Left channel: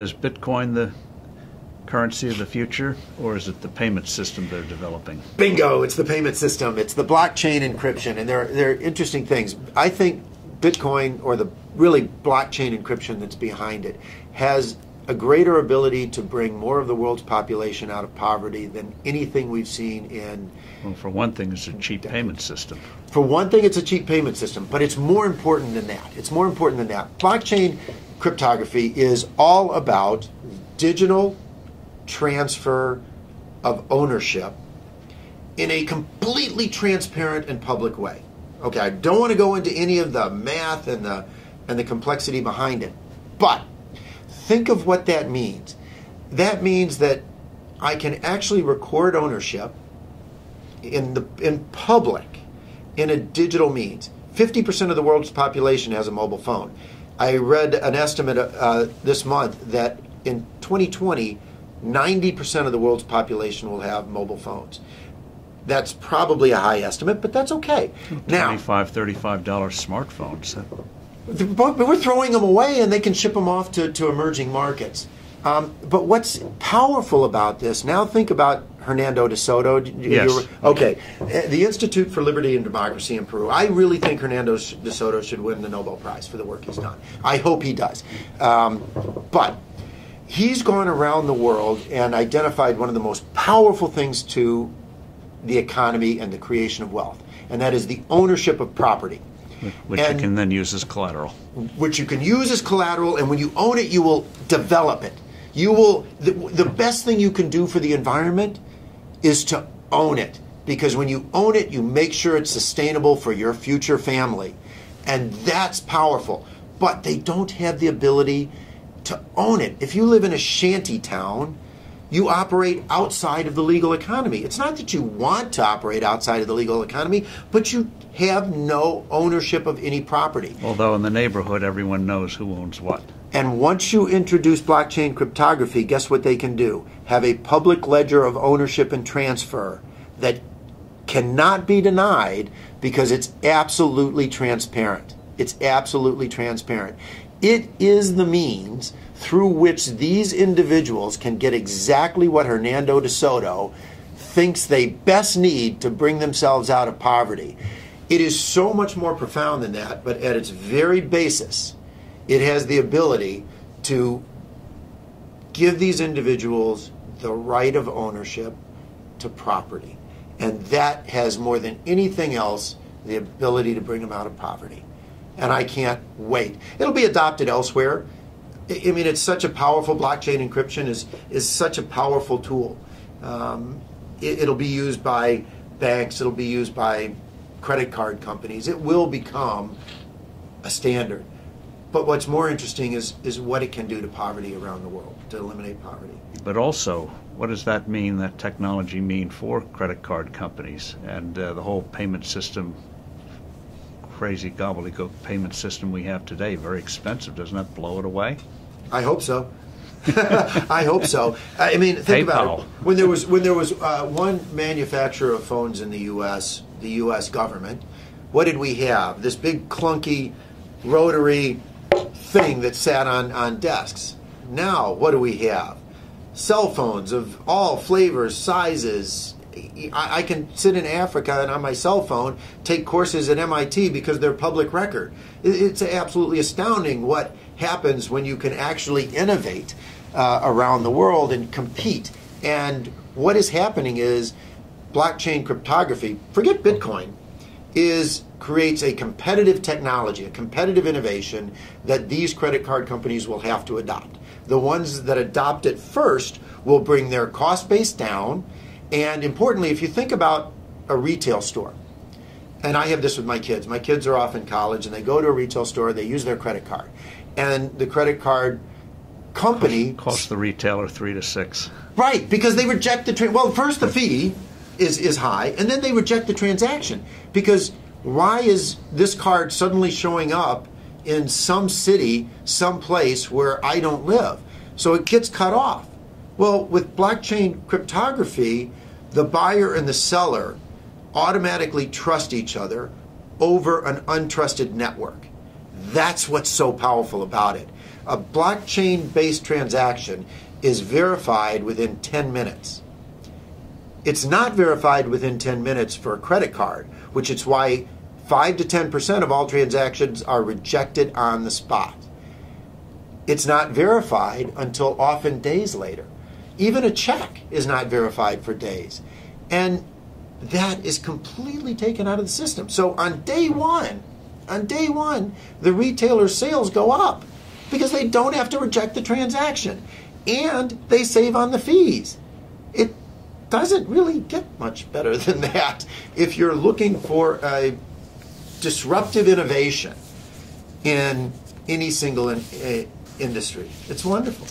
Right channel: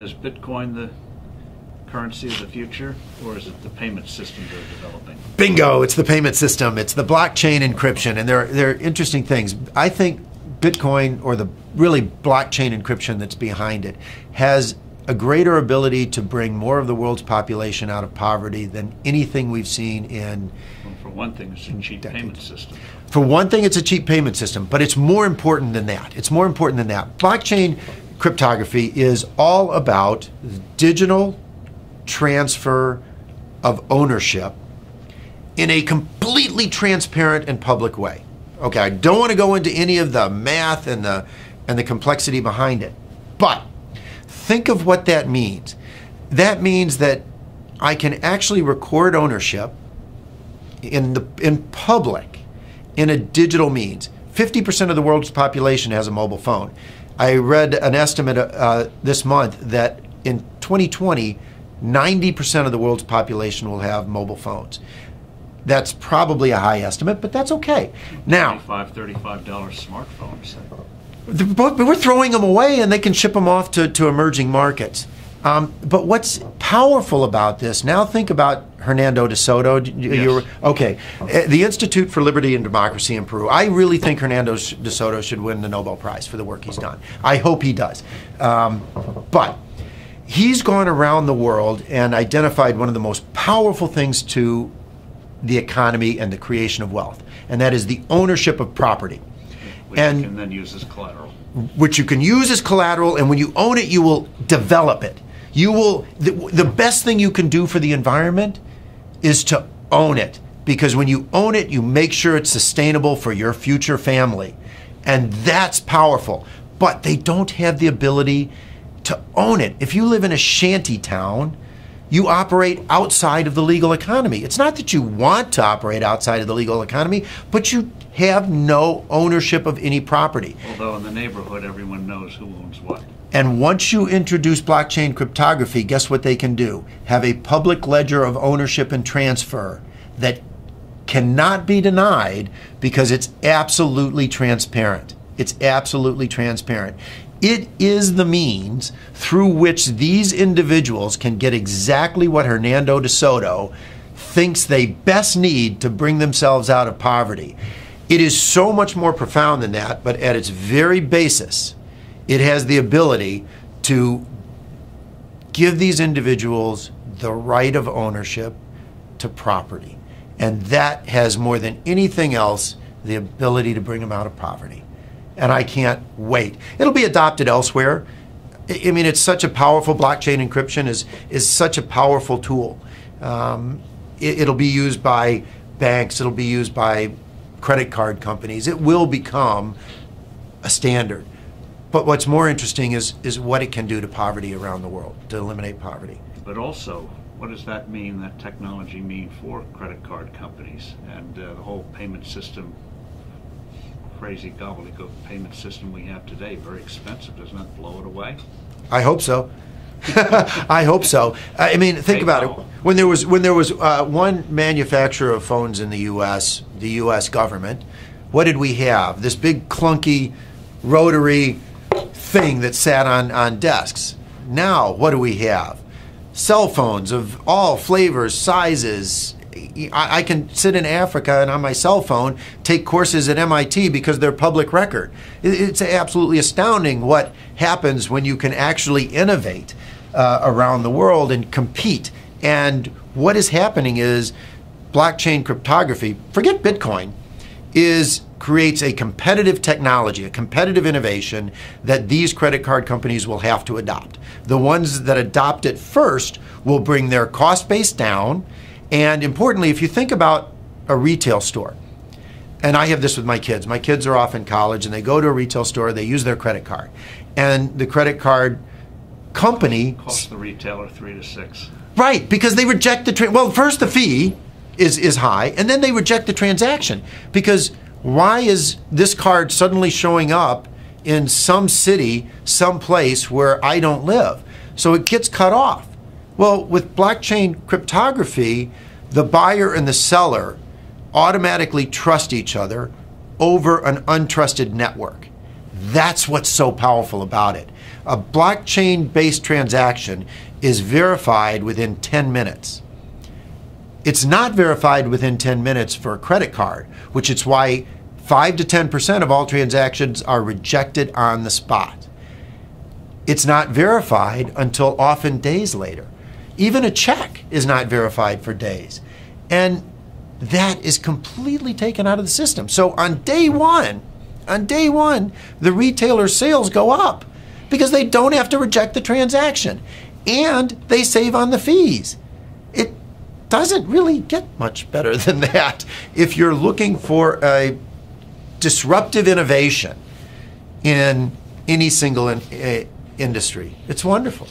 Is Bitcoin the currency of the future, or is it the payment system they're developing? Bingo, it's the payment system. It's the blockchain encryption, and they're interesting things. I think Bitcoin, or the really blockchain encryption that's behind it, has a greater ability to bring more of the world's population out of poverty than anything we've seen in... Well, for one thing, it's a cheap payment system. For one thing, it's a cheap payment system, but it's more important than that. It's more important than that. Blockchain cryptography is all about digital transfer of ownership in a completely transparent and public way. Okay, I don't want to go into any of the math and the complexity behind it, but think of what that means. That means that I can actually record ownership in public in a digital means. 50% of the world's population has a mobile phone. I read an estimate this month that in 2020, 90% of the world's population will have mobile phones. That's probably a high estimate, but that's okay. Now, $25, $35 smartphones. But we're throwing them away, and they can ship them off to emerging markets. But what's powerful about this, now think about Hernando de Soto. Yes. Okay, the Institute for Liberty and Democracy in Peru. I really think Hernando de Soto should win the Nobel Prize for the work he's done. I hope he does. But he's gone around the world and identified one of the most powerful things to the economy and the creation of wealth, and that is the ownership of property. Which you can then use as collateral. Which you can use as collateral, and when you own it, you will develop it. You will. The best thing you can do for the environment is to own it, because when you own it, you make sure it's sustainable for your future family, and that's powerful. But they don't have the ability to own it. If you live in a shanty town, you operate outside of the legal economy. It's not that you want to operate outside of the legal economy, but you have no ownership of any property. Although in the neighborhood, everyone knows who owns what. And once you introduce blockchain cryptography, guess what they can do? Have a public ledger of ownership and transfer that cannot be denied, because it's absolutely transparent. It's absolutely transparent. It is the means through which these individuals can get exactly what Hernando de Soto thinks they best need to bring themselves out of poverty. It is so much more profound than that, but at its very basis, it has the ability to give these individuals the right of ownership to property. And that has, more than anything else, the ability to bring them out of poverty. And I can't wait. It'll be adopted elsewhere. I mean, it's such a powerful, blockchain encryption is such a powerful tool. It'll be used by banks, it'll be used by credit card companies. It will become a standard. But what's more interesting is what it can do to poverty around the world, to eliminate poverty. But also, what does that mean, that technology mean for credit card companies and the whole payment system? Crazy gobbledygook payment system we have today, very expensive. Doesn't that blow it away? I hope so. I hope so. I mean, think about it. When there was one manufacturer of phones in the U.S. government, what did we have? This big clunky rotary thing that sat on desks. Now, what do we have? Cell phones of all flavors, sizes. I can sit in Africa and on my cell phone take courses at MIT because they're public record. It's absolutely astounding what happens when you can actually innovate around the world and compete. And what is happening is blockchain cryptography, forget Bitcoin, creates a competitive technology, a competitive innovation that these credit card companies will have to adopt. The ones that adopt it first will bring their cost base down. And importantly, if you think about a retail store, and I have this with my kids are off in college and they go to a retail store, they use their credit card. And the credit card company costs the retailer $3 to $6. Right, because they reject well, first the fee is high, and then they reject the transaction. Because why is this card suddenly showing up in some city, some place where I don't live? So it gets cut off. Well, with blockchain cryptography, the buyer and the seller automatically trust each other over an untrusted network. That's what's so powerful about it. A blockchain-based transaction is verified within 10 minutes. It's not verified within 10 minutes for a credit card, which is why 5 to 10% of all transactions are rejected on the spot. It's not verified until often days later. Even a check is not verified for days. And that is completely taken out of the system. So on day one, the retailer's sales go up because they don't have to reject the transaction and they save on the fees. It doesn't really get much better than that if you're looking for a disruptive innovation in any single industry. It's wonderful.